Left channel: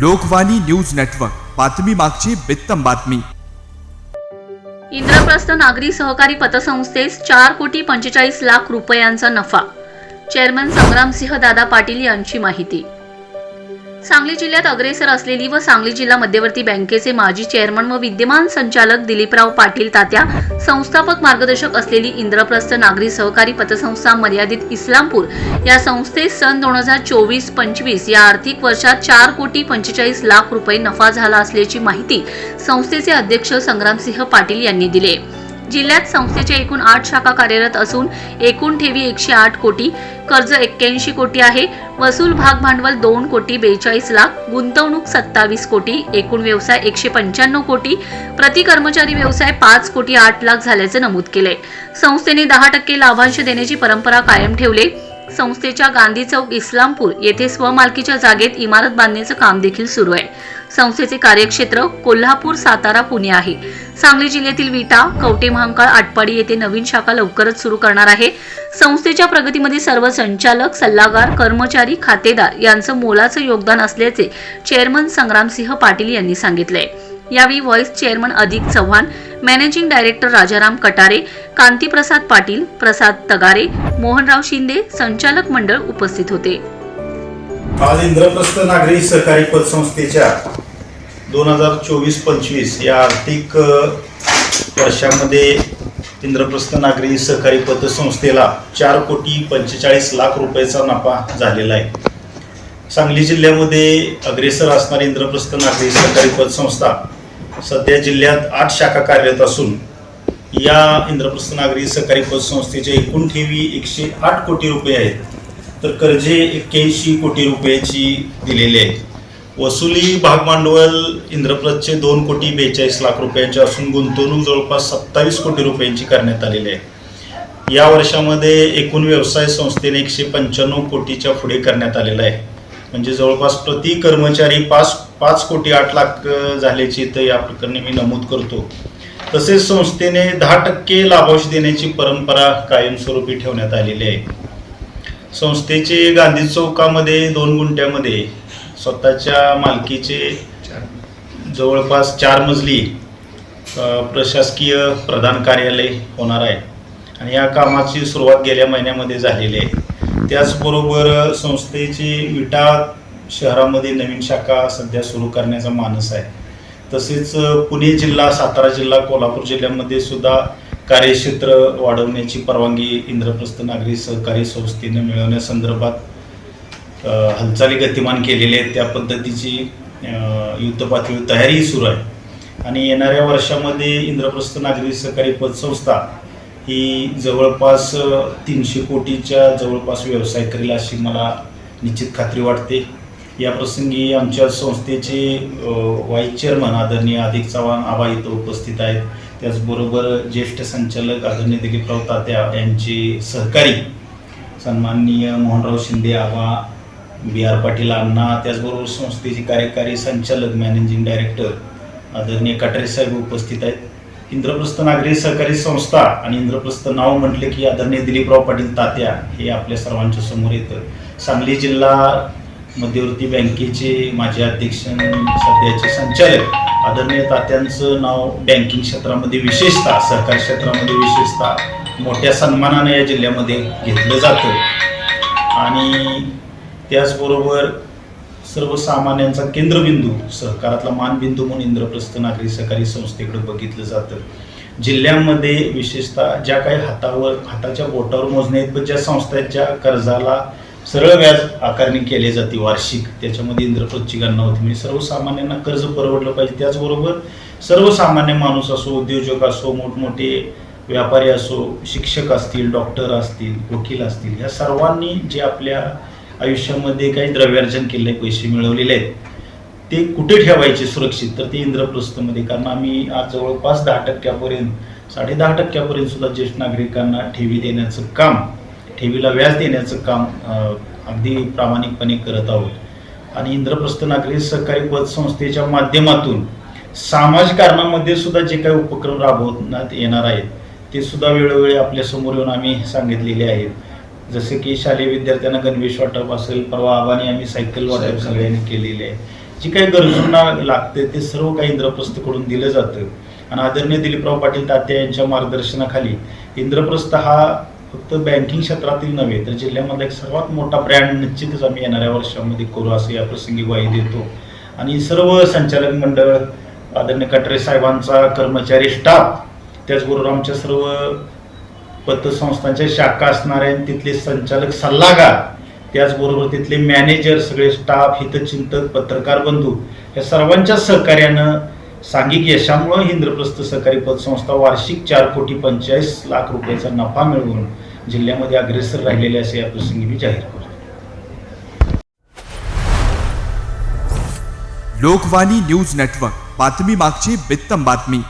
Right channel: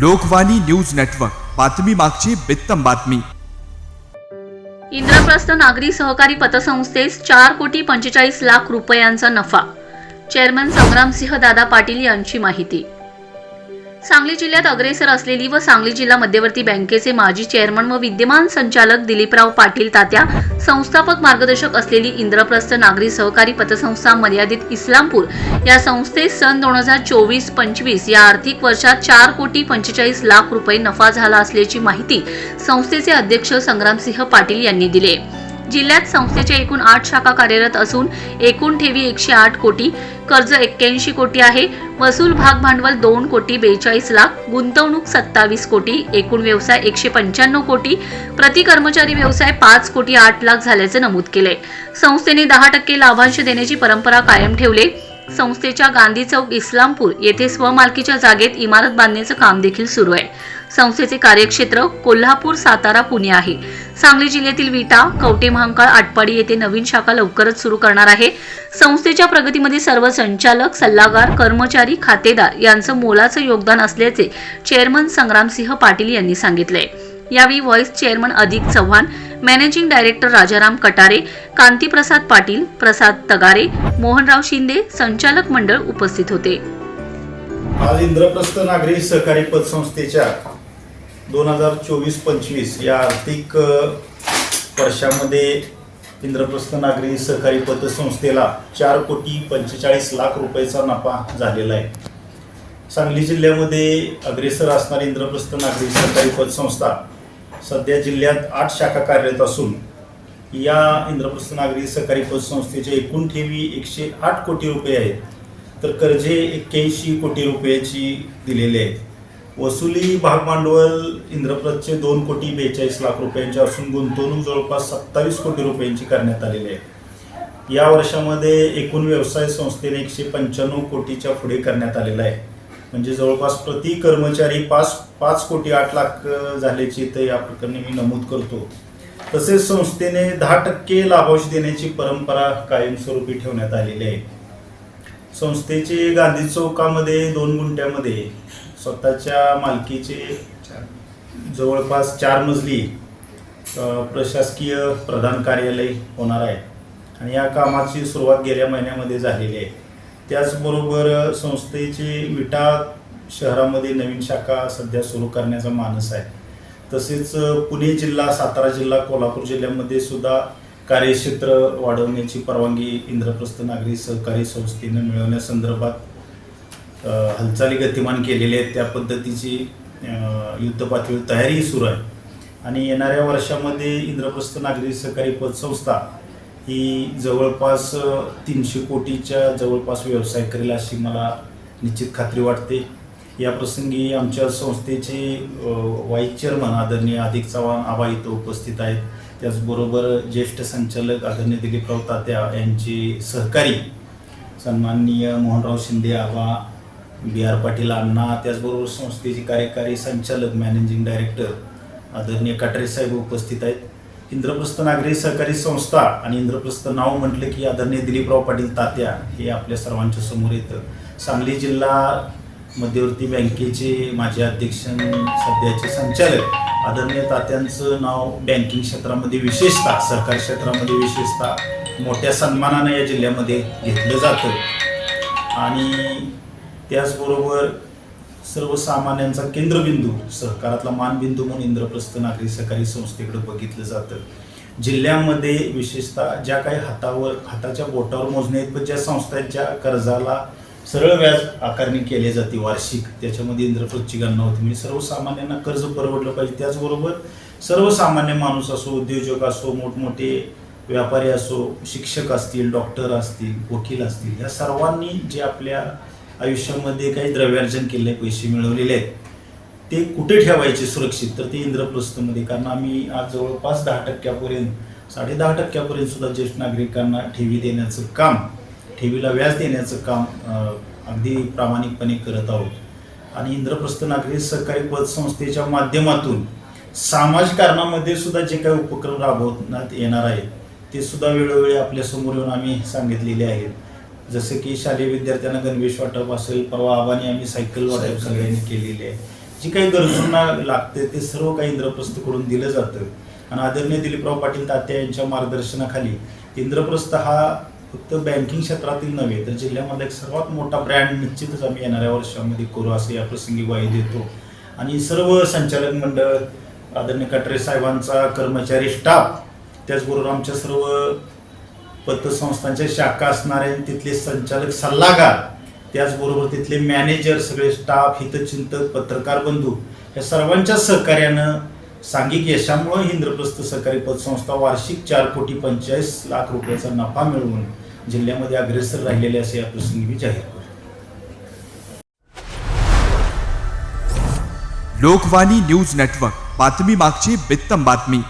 Lokvani news network. बातमी मागची बित्तम बातमी. इंद्रप्रस्थ नागरी सहकारी पतसंस्थेस चार कोटी पंचेचाळीस लाख रुपयांचा नफा. चेअरमन संग्रामसिंह दादा पाटील यांची माहिती. सांगली जिल्ह्यात अग्रेसर असलेली व सांगली जिल्हा मध्यवर्ती बँकेचे माजी चेअरमन व विद्यमान संचालक दिलीपराव पाटील तात्या संस्थापक मार्गदर्शक असलेली इंद्रप्रस्थ नागरी सहकारी पतसंस्था मर्यादित इस्लामपूर या संस्थेस सन दोन हजार चोवीस पंचवीस या आर्थिक वर्षात चार कोटी पंचेचाळीस लाख रुपये नफा झाला असल्याची माहिती संस्थेचे अध्यक्ष संग्रामसिंह पाटील यांनी दिले. जिल्ह्यात संस्थेच्या एकूण आठ शाखा कार्यरत असून एकूण ठेवी एकशे आठ कोटी कर्ज एक्क्याऐंशी कोटी आहे. वसूल भाग भांडवल दोन कोटी बेचाळीस लाख गुंतवणूक सत्तावीस कोटी एकूण व्यवसाय एकशे पंच्याण्णव कोटी प्रति कर्मचारी व्यवसाय पाच कोटी आठ लाख झाल्याचे नमूद केले. संस्थेने दहा टक्के लाभांश देण्याची परंपरा कायम ठेवले. संस्थेच्या गांधी चौक इस्लामपूर येथे स्वमालकीच्या जागेत इमारत बांधण्याचं काम देखील सुरू आहे. संस्थेचे कार्यक्षेत्र कोल्हापूर सातारा पुणे आहे. सांगली जिल्ह्यातील विटा कवटे महांकाळ आटपाडी येथे नवीन शाखा लवकरच सुरू करणार आहे. संस्थेच्या प्रगतीमध्ये सर्व संचालक सल्लागार कर्मचारी खातेदार यांचं मोलाचं योगदान असल्याचे चेअरमन संग्रामसिंह पाटील यांनी सांगितले यावेळी vice chairman Adhik Chavan managing director Rajaram Katare Kantiprasad Patil Prasad Tagare Mohanrao Shinde संचालक मंडळ उपस्थित होते. आज इंद्रप्रस्थ नागरी सहकारी पतसंस्थेच्या दोन हजार चोवीस पंचवीस या आर्थिक वर्षामध्ये इंद्रप्रस्थ नागरी सहकारी पतसंस्थेला चार कोटी पंचेचाळीस लाख रुपयाचा नफा झालेला आहे. सांगली जिल्ह्यामध्ये अग्रेसर असणारी इंद्रप्रस्थ नागरी सहकारी पतसंस्था सध्या जिल्ह्यात आठ शाखा कार्यरत असून या इंद्रप्रस्थ नागरी सहकारी पतसंस्थेच्या एकूण ठेवी एकशे आठ कोटी रुपये आहेत. तर कर्जे एक्क्याऐंशी कोटी रुपयाची दिलेली आहेत. वसुली भाग भांडवल इंद्रप्रस्थचे दोन कोटी बेचाळीस लाख रुपयांचे असून गुंतवणूक जवळपास सत्तावीस कोटी रुपयांची करण्यात आलेली आहे. या वर्षामध्ये एकूण व्यवसाय संस्थेने एकशे पंच्याण्णव कोटीच्या पुढे करण्यात आलेला आहे. म्हणजे जवळपास प्रति कर्मचारी पाच पाच कोटी आठ लाख झाल्याची तर या प्रकरणी मी नमूद करतो. तसेच संस्थेने दहा टक्के लाभांश देण्याची परंपरा कायमस्वरूपी ठेवण्यात आलेली आहे. संस्थेचे गांधी चौकामध्ये दोन गुंठ्यामध्ये स्वतःच्या मालकीचे जवळपास चार मजली प्रशासकीय प्रधान कार्यालय होणार आहे. आणि या कामाची सुरुवात गेल्या महिन्यामध्ये झालेली आहे. त्याचबरोबर संस्थेची विटा शहरामध्ये नवीन शाखा सध्या सुरू करण्याचा मानस आहे. तसेच पुणे जिल्हा सातारा जिल्हा कोल्हापूर जिल्ह्यामध्ये सुद्धा कार्यक्षेत्र वाढवण्याची परवानगी इंद्रप्रस्थ नागरी सहकारी संस्थेने मिळवण्यासंदर्भात संदर्भात हालचाली गतिमान केलेले आहेत त्या पद्धतीची युद्धपातळी युद्धपातळीवर तयारी सुरू आहे. आणि येणाऱ्या वर्षामध्ये इंद्रप्रस्थ नागरी सहकारी पतसंस्था ही जवळपास तीनशे कोटीच्या जवळपास व्यवसाय करेल अशी मला निश्चित खात्री वाटते. या प्रसंगी आमच्या संस्थेचे अ, व्हाईस चेअरमन आदरणीय अधिक चव्हाण आबा इथं उपस्थित आहेत. त्याचबरोबर ज्येष्ठ संचालक आदरणीय दिलीपराव तात्या यांचे सहकारी सन्माननीय मोहनराव शिंदे आबा बी आर पाटील अण्णा त्याचबरोबर संस्थेचे कार्यकारी संचालक मॅनेजिंग डायरेक्टर आदरणीय कटारे साहेब उपस्थित आहेत. इंद्रप्रस्थ नागरी सहकारी संस्था आणि इंद्रप्रस्थ नाव म्हटले की आदरणीय दिलीपराव पाटील तात्या हे आपल्या सर्वांच्या समोर येतं. सांगली जिल्हा मध्यवर्ती बँकेचे माजी अध्यक्ष सध्याचे संचालक आदरणीय तात्यांचं नाव बँकिंग क्षेत्रामध्ये विशेषतः सहकारी क्षेत्रामध्ये विशेषतः मोठ्या सन्मानाने या जिल्ह्यामध्ये घेतलं जातं. आणि त्याचबरोबर सर्वसामान्यांचा केंद्रबिंदू सहकारातला मानबिंदू म्हणून इंद्रप्रस्थ नागरी सहकारी संस्थेकडे बघितलं जातं. जिल्ह्यामध्ये विशेषतः ज्या काही हातावर हाताच्या बोटावर मोजणे आहेत पण ज्या संस्थांच्या कर्जाला सरळ व्याज आकारणी केली जाते वार्षिक त्याच्यामध्ये इंद्रप्रस्थची गणना होती. म्हणजे सर्वसामान्यांना कर्ज परवडलं पाहिजे. त्याचबरोबर सर्वसामान्य माणूस असो उद्योजक असो मोठमोठे व्यापारी असो शिक्षक असतील डॉक्टर असतील वकील असतील या सर्वांनी जे आपल्या आयुष्यामध्ये काही द्रव्यार्जन केले पैसे मिळवलेले आहेत. ते कुठे ठेवायचे सुरक्षित? तर ते इंद्रप्रस्थमध्ये. कारण आम्ही आज जवळपास दहा टक्क्यापर्यंत साडे दहा टक्क्यापर्यंत सुद्धा ज्येष्ठ नागरिकांना ठेवी देण्याचं काम ठेवीला व्याज देण्याचं काम अगदी प्रामाणिकपणे करत आहोत. आणि इंद्रप्रस्थ नागरी सहकारी पतसंस्थेच्या माध्यमातून सामाजिक कारणामध्ये सुद्धा जे काही उपक्रम राबवण्यात येणार आहेत ते सुद्धा वेळोवेळी आपल्यासमोर येऊन आम्ही सांगितलेले आहेत. जसे की शालेय विद्यार्थ्यांना गणवेश वाटप असेल परवा आव्हाने आम्ही सायकल वाटप सगळ्यांनी केलेले आहे. जी काही गरजूंना लागते ते सर्व काही इंद्रप्रस्थकडून दिलं जातं. आणि आदरणीय दिलीपराव पाटील तात्या यांच्या मार्गदर्शनाखाली इंद्रप्रस्थ हा फक्त बँकिंग क्षेत्रातील नव्हे तर जिल्ह्यामधला एक सर्वात मोठा ब्रँड निश्चितच आम्ही येणाऱ्या वर्षामध्ये करू असं या प्रसंगी ग्वाही देतो. आणि सर्व संचालक मंडळ आदरणीय कटरे साहेबांचा कर्मचारी स्टाफ त्याचबरोबर आमच्या सर्व पतसंस्थांच्या शाखा असणारे आणि तिथले संचालक सल्लागार त्याचबरोबर तिथले मॅनेजर सगळे स्टाफ हितचिंतक पत्रकार बंधू या सर्वांच्या सहकार्यानं सांघिक यशामुळे इंद्रप्रस्थ सहकारी पतसंस्था वार्षिक चार कोटी पंचेचाळीस लाख रुपयाचा नफा मिळवून जिल्ह्यामध्ये अग्रेसर राहिलेले असे या प्रसंगी मी जाहीर करतो. लोकवाणी न्यूज नेटवर्क बातमी मागची बित्तम बातमी.